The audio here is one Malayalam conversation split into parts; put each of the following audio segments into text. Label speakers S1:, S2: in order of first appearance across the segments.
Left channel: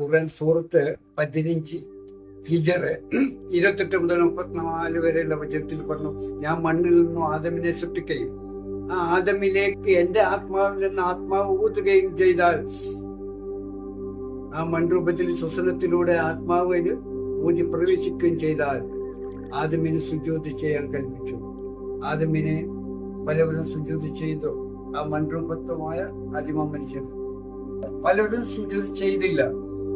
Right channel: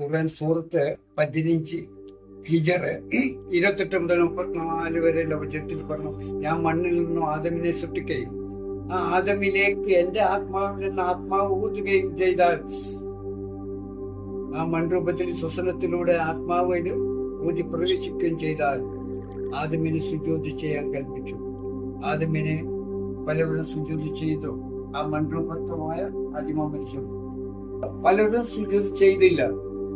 S1: ഖുർആൻ സൂറത്ത് പതിനഞ്ച് ഹിജറ് ഇരുപത്തെട്ട് മുതൽ മുപ്പത്തിനാല് വരെയുള്ള വചനത്തിൽ പറഞ്ഞു ഞാൻ മണ്ണിൽ നിന്നും ആദമിനെ സൃഷ്ടിക്കുകയും ആ ആദമിലേക്ക് എന്റെ ആത്മാവിൽ നിന്ന് ആത്മാവ് ഊതുകയും ചെയ്താൽ ആ മൺരൂപത്തിൽ ശ്വസനത്തിലൂടെ ആത്മാവ് ഊതി പ്രവേശിക്കുകയും ചെയ്താൽ ആദമിന് സുജോതി ചെയ്യാൻ കൽപ്പിച്ചു. ആദമിനെ പലവരും സുജോതി ചെയ്തു. ആ മൺരൂപത്വമായ അതിമ മനുഷ്യൻ പലരും സുജോതി ചെയ്തില്ല.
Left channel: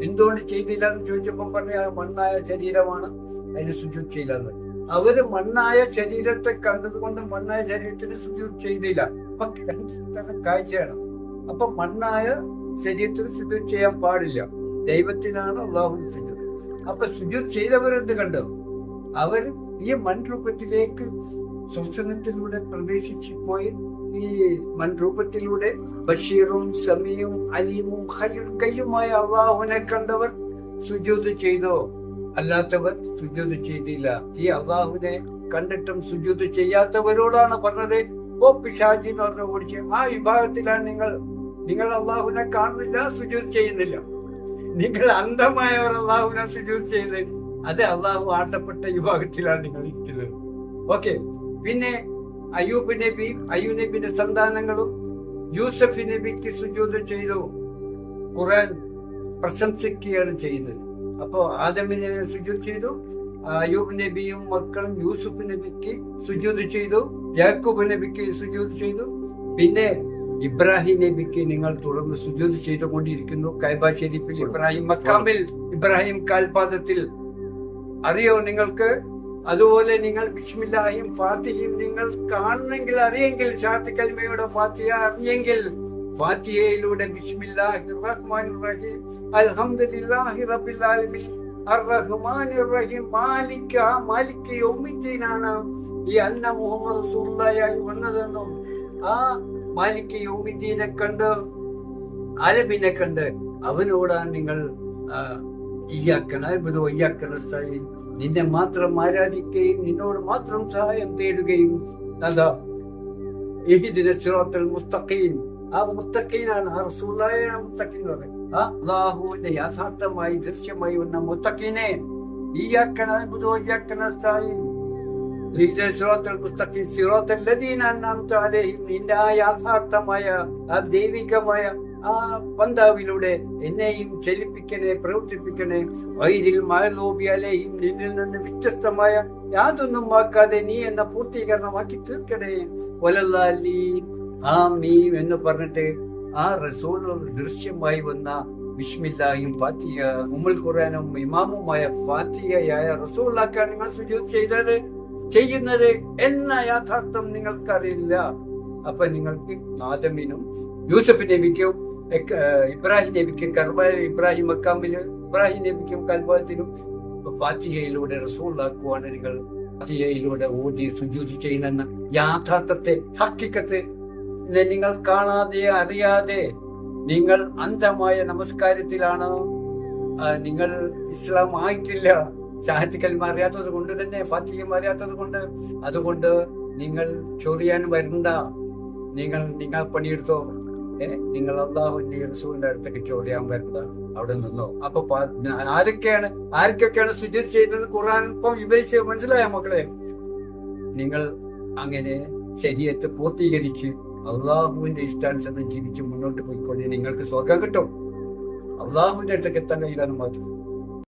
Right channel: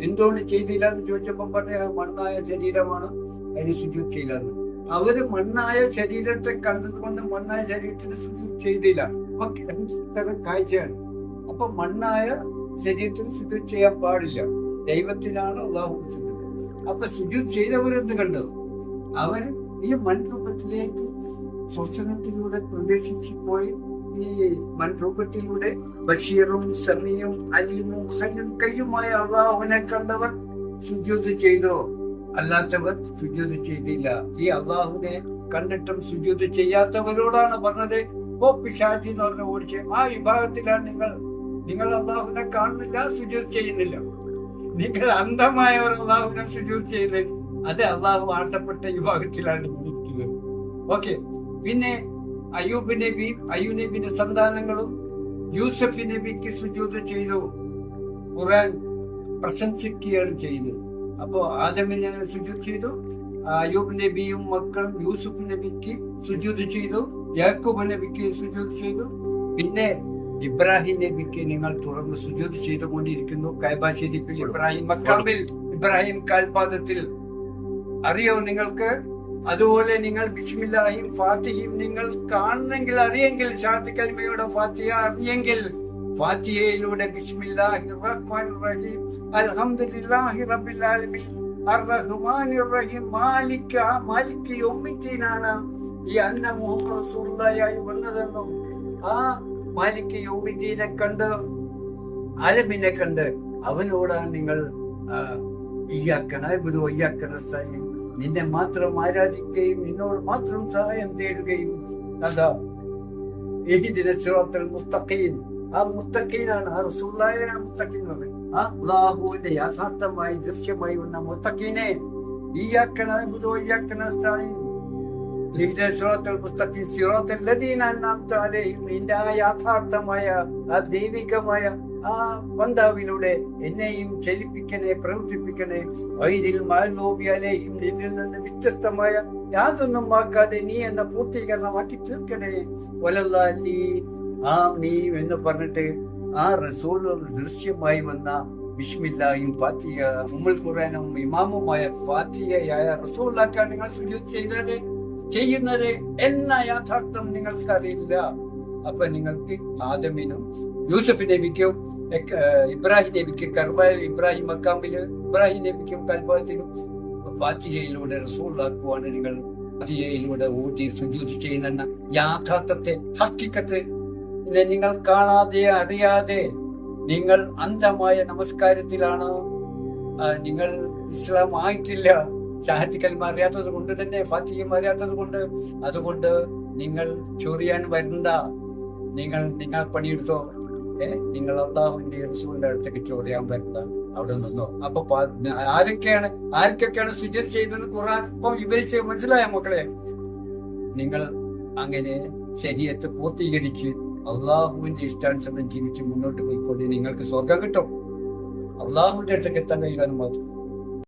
S1: എന്തുകൊണ്ട് ചെയ്തില്ല എന്ന് ചോദിച്ചപ്പം പറഞ്ഞു അത് മണ്ണായ ശരീരമാണ് അതിന് സുജൂത് ചെയ്യില്ലെന്ന് അവർ മണ്ണായ ശരീരത്തെ കണ്ടതുകൊണ്ട് മണ്ണായ ശരീരത്തിന് സുജൂത് ചെയ്തില്ല അപ്പൊ തരം കാഴ്ചയാണ്. അപ്പൊ മണ്ണായ ശരീരത്തിന് സുജൂത് ചെയ്യാൻ പാടില്ല. ദൈവത്തിനാണ് അള്ളാഹു സുജൂത് അപ്പൊ സുജൂത് ചെയ്തവരെന്ത് കണ്ടു? അവർ ഈ മൺരൂപത്തിലേക്ക് ശ്വസനത്തിലൂടെ പ്രവേശിച്ചു പോയി ഈ മൺരൂപത്തിലൂടെ ബഷീറും സമീയും അലീമും കയ്യുമായ അള്ളാഹുവിനെ കണ്ടവർ സുജൂത് ചെയ്തോ? അല്ലാത്തവർ സുജൂത് ചെയ്തില്ല. ഈ അള്ളാഹുവിനെ കണ്ടിട്ടും സുജൂത് ചെയ്യാത്തവരോടാണ് പറഞ്ഞത്. ഓ പിശാചി എന്ന് പറഞ്ഞ ഓടിച്ച് ആ വിഭാഗത്തിലാണ് നിങ്ങൾ. നിങ്ങൾ അള്ളാഹുവിനെ കാണുന്നില്ല സുജൂത് ചെയ്യുന്നില്ല. നിങ്ങൾ അന്ധമായവർ അള്ളാഹുവിനെ സുജൂത് ചെയ്യുന്നത്. അത് അള്ളാഹു ആട്ടപ്പെട്ട വിഭാഗത്തിലാണ് നിങ്ങൾ ഇരിക്കുന്നത്. ഓക്കെ. പിന്നെ അയ്യൂബ് നബിയും അയ്യൂബ് നബിന്റെ സന്താനങ്ങളും യൂസഫ് നബിക്ക് സുജൂത ചെയ്തു. ഖുറാൻ പ്രശംസിക്കുകയാണ് ചെയ്യുന്നത്. അപ്പോ ആദമിനെ സുജൂത് ചെയ്തു അയ്യൂബ് നബിയും മക്കളും യൂസുഫ് നബിക്ക് സുജൂത് ചെയ്തു യാക്കൂബ് നബിക്ക് സുജൂത് ചെയ്തു. പിന്നെ ഇബ്രാഹിം നബിക്ക് നിങ്ങൾ തുടർന്ന് സുജൂത് ചെയ്തുകൊണ്ടിരിക്കുന്നു. കൈബ ഷെരീഫിൽ ഇബ്രാഹിം മക്കാമിൽ ഇബ്രാഹിം കാൽപാദത്തിൽ. അറിയോ നിങ്ങൾക്ക്? അതുപോലെ നിങ്ങൾ ബിസ്മില്ലാഹിയും ഫാത്തിഹയും നിങ്ങൾ കാണണമെങ്കിൽ അറിയെങ്കിൽ ഷാത്തി കൽമയുടെ ഫാത്തിഹ അറിയെങ്കിൽ ഫാത്തിഹയിലൂടെ ബിസ്മില്ലാഹി റഹ്മാൻ റഹീം അൽഹംദുലില്ലാഹി റബ്ബിൽ ആലമീൻ അർറഹ്മാൻ റഹീം ഈ അന്ന മുഹമ്മദ് റസൂലുള്ളാഹി വന്നതെന്നും ആ മാലിക് യൗമിദ്ദീനെ കണ്ട് ആലമിനെ കണ്ട് അവനോടാണ് നിങ്ങൾ ഇയ്യാക്കണ ഇത് ഒയ്യാക്കണ സൈൻ നിന്നെ മാത്രം ആരാധിക്കുകയും നിന്നോട് മാത്രം സഹായം തേടുകയും അതാ. ഏഹിദിന ശ്രോത്തൽ മുസ്തഖീൻ. ആ മുത്തക്കീനാണ് ആ റസൂലായ മുത്തക്കീൻ എന്ന് പറയും ആ അള്ളാഹുവിന്റെ യാഥാർത്ഥമായി ദൃശ്യമായി വന്ന മുത്തക്കീനെ ഈയാക്കണ ബുധോ ഈയാക്കണ സായിൻ സിറാത്തൽ ലദീന അൻഅംത അലൈഹിം. നിന്റെ ആ യാഥാർത്ഥമായ ആ ദൈവികമായ ആ പന്താവിലൂടെ എന്നെയും ചലിപ്പിക്കണേ പ്രവർത്തിപ്പിക്കണേ. വൈരിൽ മഴലോബിയാലെയും നിന്നിൽ നിന്ന് വ്യത്യസ്തമായ യാതൊന്നും ആക്കാതെ നീ എന്ന പൂർത്തീകരണമാക്കി തീർക്കണേ. ഒലല്ലാലി ആ മീ എന്ന് പറഞ്ഞിട്ട് ആ റസൂൽ ദൃശ്യമായി വന്ന ബിസ്മില്ലായും ഫാത്തിയ ഉമ്മൽ ഖുറാനും ഇമാമുമായ ഫാത്തിയയായ റസൂലാക്കാൻ നിങ്ങൾ സുജൂത് ചെയ്തത് ചെയ്യുന്നത് എന്ന യാഥാർത്ഥ്യം നിങ്ങൾക്കറിയില്ല. അപ്പൊ നിങ്ങൾക്ക് ആദമിനും യൂസഫ് നബിക്കും ഇബ്രാഹിം നബിക്ക് കർബായ ഇബ്രാഹിം മക്കാമിൽ ഇബ്രാഹിം നബിക്കും കൽബത്തിനും ഫാത്തിഹയിലൂടെ റസൂളാക്കുവാണ് നിങ്ങൾ ഫാത്തിഹയിലൂടെ ഊതി സുജൂതി ചെയ്യുന്ന യാഥാർത്ഥത്തെ ഹക്കിക്കത്തെ നിങ്ങൾ കാണാതെ അറിയാതെ നിങ്ങൾ അന്ധമായ നമസ്കാരത്തിലാണ് നിങ്ങൾ ഇസ്ലാം ആയിട്ടില്ല ഷാഹത്തിക്കൽമ അറിയാത്തത് കൊണ്ട് തന്നെ ഫാത്തിഹം അറിയാത്തത് കൊണ്ട് അതുകൊണ്ട് നിങ്ങൾ ചൊറിയാൻ വരണ്ട നിങ്ങൾ നിങ്ങൾ പണിയെടുത്തോ നിങ്ങൾ അള്ളാഹുവിന്റെ റസൂലിന്റെ അടുത്തേക്ക് ചോദ്യാൻ വരുന്നത് അവിടെ നിന്നോ? അപ്പൊ ആരൊക്കെയാണ് ആർക്കൊക്കെയാണ് സുജിത് ചെയ്യുന്നത് ഖുർആൻ? ഇപ്പം വിവരിച്ച് മനസ്സിലായ മക്കളെ? നിങ്ങൾ അങ്ങനെ ശരീരത്തെ പൂർത്തീകരിച്ച് അള്ളാഹുവിന്റെ ഇഷ്ടാനുസരണം ജീവിച്ച് മുന്നോട്ട് പോയിക്കൊണ്ട് നിങ്ങൾക്ക് സ്വർഗം കിട്ടും. അള്ളാഹുവിന്റെ അടുത്തേക്ക് എത്താൻ കഴിയില്ല എന്ന് മാത്രം.